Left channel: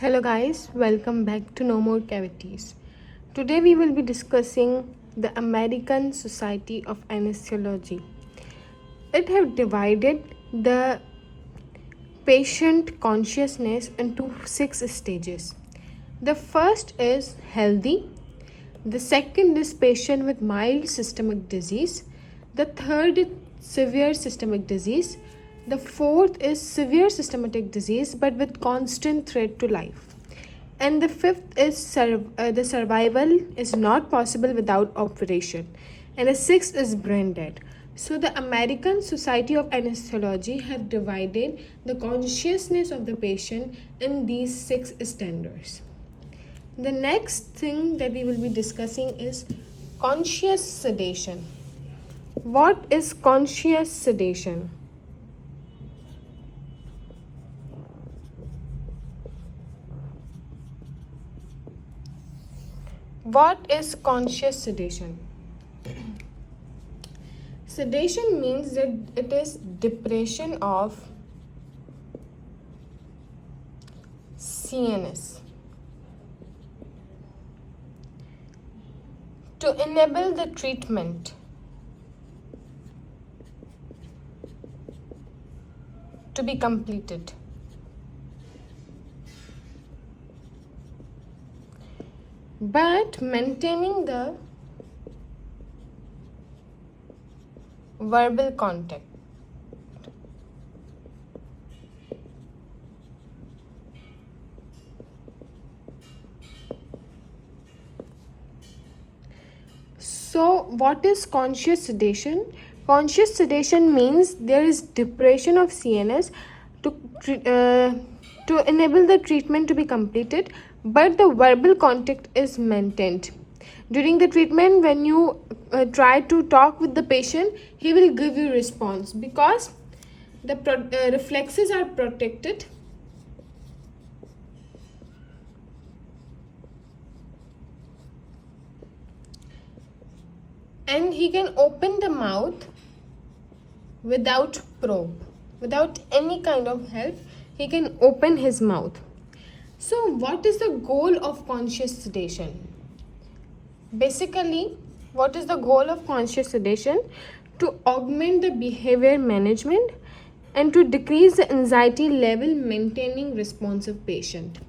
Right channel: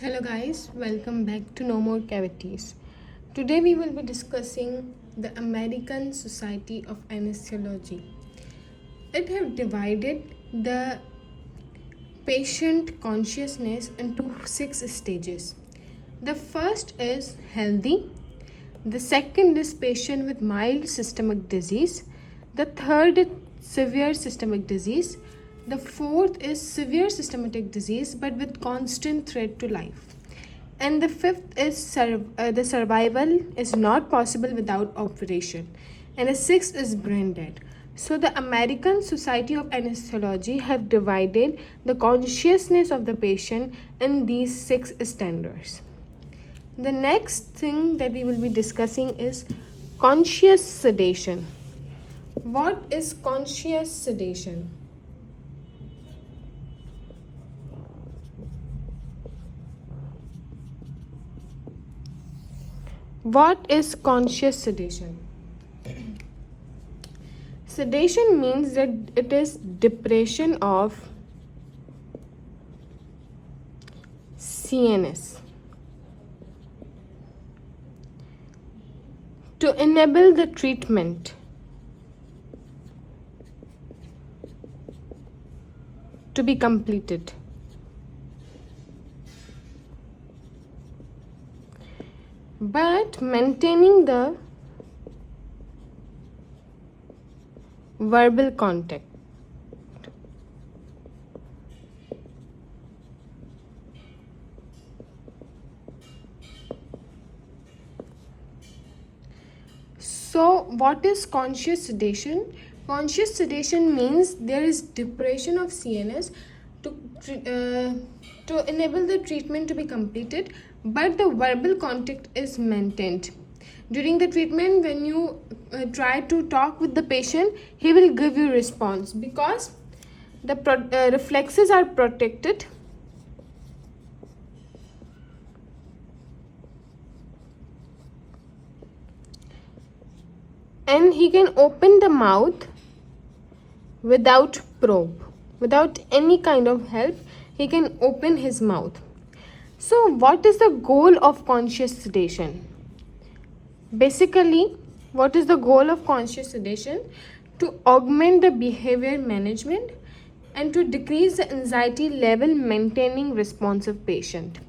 Hello guys, welcome back to No More Cavities. Today we will be discussing the American Society of Anesthesiology. It have divided the patient consciousness into 6 stages. The first is healthy, the second is patient with mild systemic disease, the third is severe systemic disease, the fourth is severe systematic disease but with constant threat to life. And the fifth is the survival is not possible without operation. And the sixth is brain dead. So the American Society of Anesthesiology have divided the consciousness of the patient in these 6 standards. The next thing that we will be discussing is conscious sedation. What is conscious sedation? What is conscious sedation? Sedation means that it is depression of CNS to enable the treatment to be completed. But maintaining the verbal contact. So what is conscious sedation? Conscious sedation means there is depression of CNS to enable the treatment to be completed, but the verbal contact is maintained. During the treatment, when you try to talk with the patient, he will give you response because the reflexes are protected. And he can open the mouth without probe, without any kind of help. He can open his mouth. So what is the goal of conscious sedation? Basically, what is the goal of conscious sedation? To augment the behavior management and to decrease the anxiety level, maintaining responsive patient.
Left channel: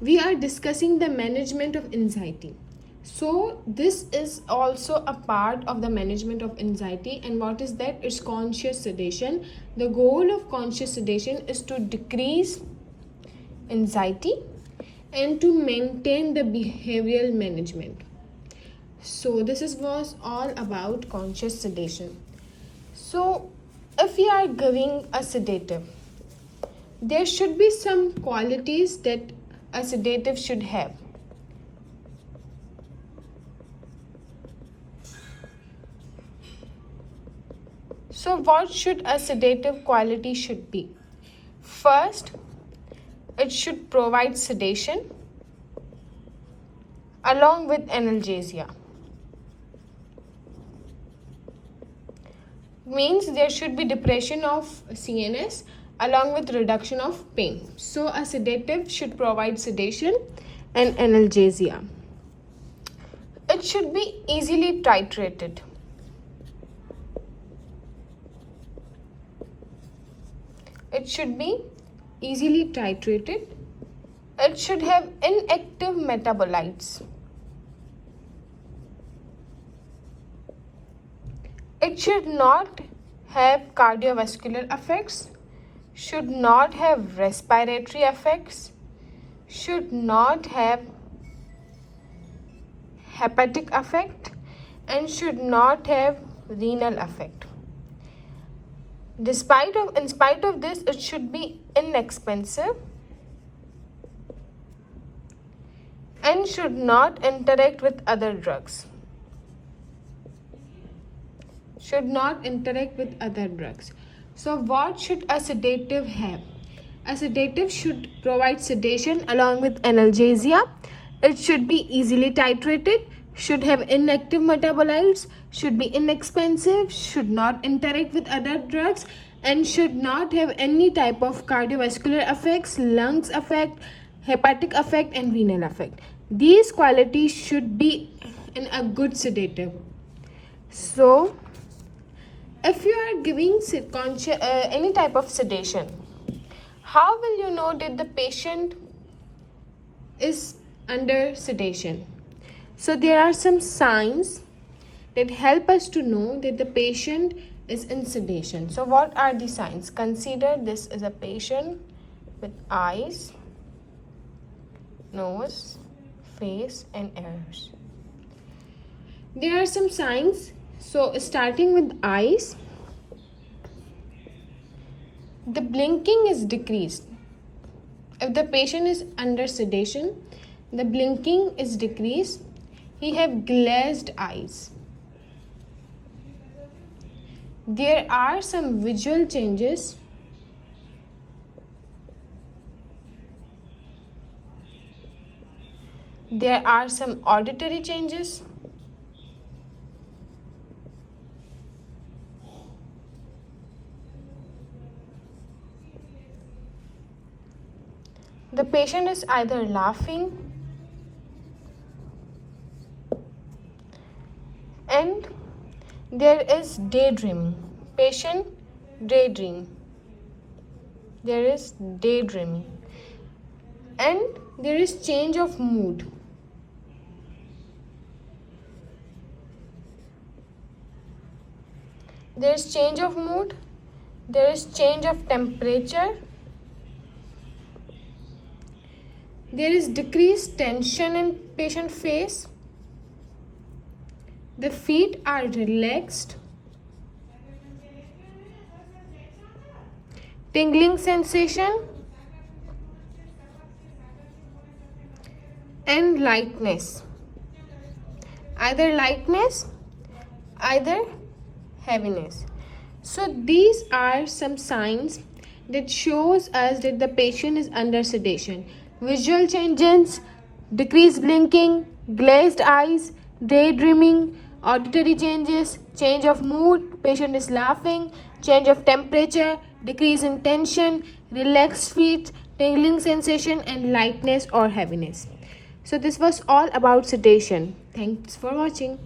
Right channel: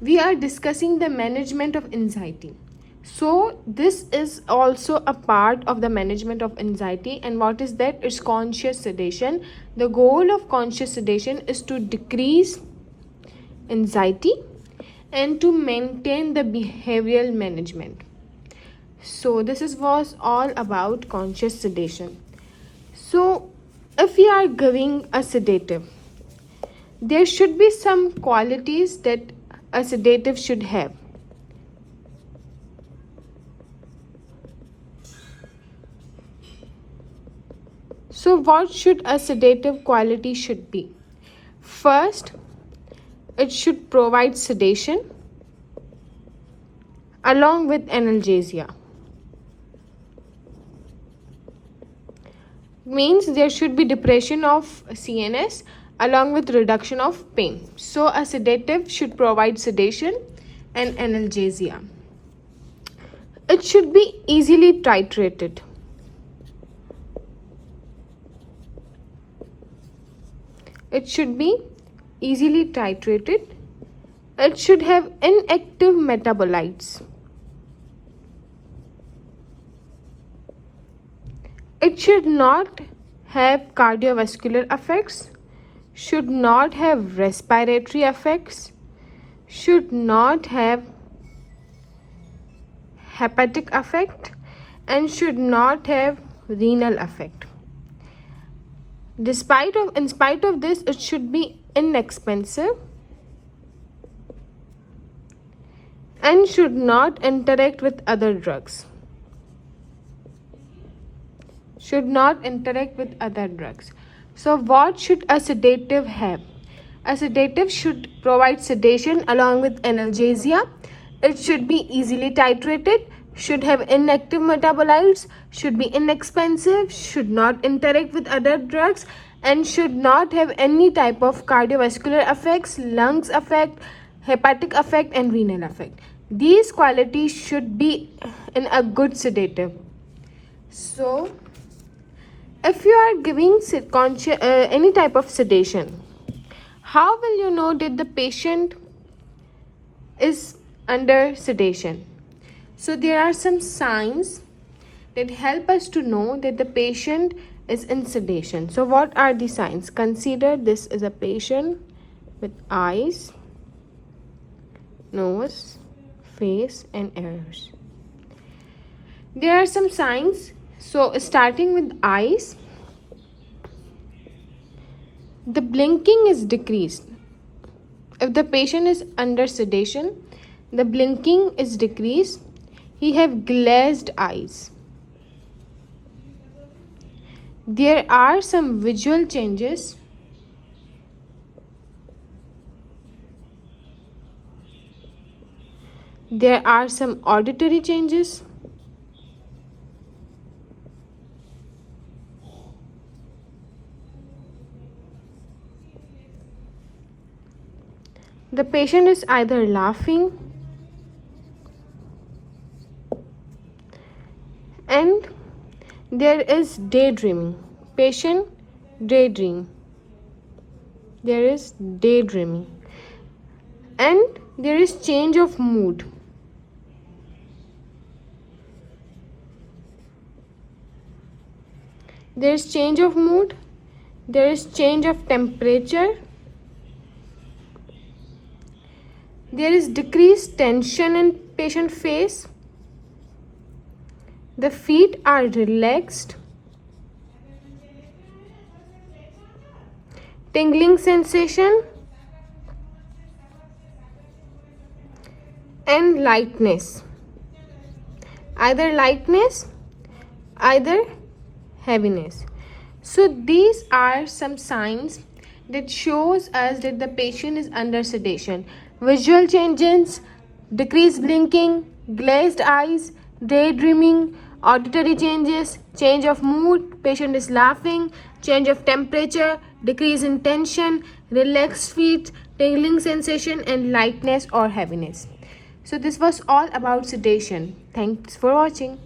We are discussing the management of anxiety. So this is also a part of the management of anxiety. And what is that? It's conscious sedation. The goal of conscious sedation is to decrease anxiety and to maintain the behavioral management. So this was all about conscious sedation. So if we are giving a sedative, there should be some qualities that a sedative should have. So what should a sedative quality should be? First, it should provide sedation along with analgesia. Means there should be depression of CNS along with reduction of pain. So a sedative should provide sedation and analgesia. It should be easily titrated. It should be easily titrated. It should have inactive metabolites. It should not have cardiovascular effects, should not have respiratory effects, should not have hepatic effect, and should not have renal effect. In spite of this, it should be inexpensive and should not interact with other drugs. Should not interact with other drugs. So what should a sedative have? A sedative should provide sedation along with analgesia. It should be easily titrated, should have inactive metabolites, should be inexpensive, should not interact with other drugs, and should not have any type of cardiovascular effects, lungs effect, hepatic effect, and renal effect. These qualities should be in a good sedative. So, if you are giving any type of sedation, how will you know that the patient is under sedation? So there are some signs that help us to know that the patient is in sedation. So what are the signs? Consider this is a patient with eyes, nose, face, and ears. There are some signs. So starting with eyes, the blinking is decreased. If the patient is under sedation, the blinking is decreased. He have glazed eyes. There are some visual changes. There are some auditory changes. The patient is either laughing and there is daydreaming. Patient daydream. There is daydreaming. And there is change of mood. There is change of mood. There is change of temperature. There is decreased tension in patient face. The feet are relaxed. Tingling sensation and lightness. Either lightness, either heaviness. So these are some signs that shows us that the patient is under sedation. Visual changes, decreased blinking, glazed eyes, daydreaming, auditory changes, change of mood, patient is laughing, change of temperature, decrease in tension, relaxed feet, tingling sensation, and lightness or heaviness. So this was all about sedation. Thanks for watching.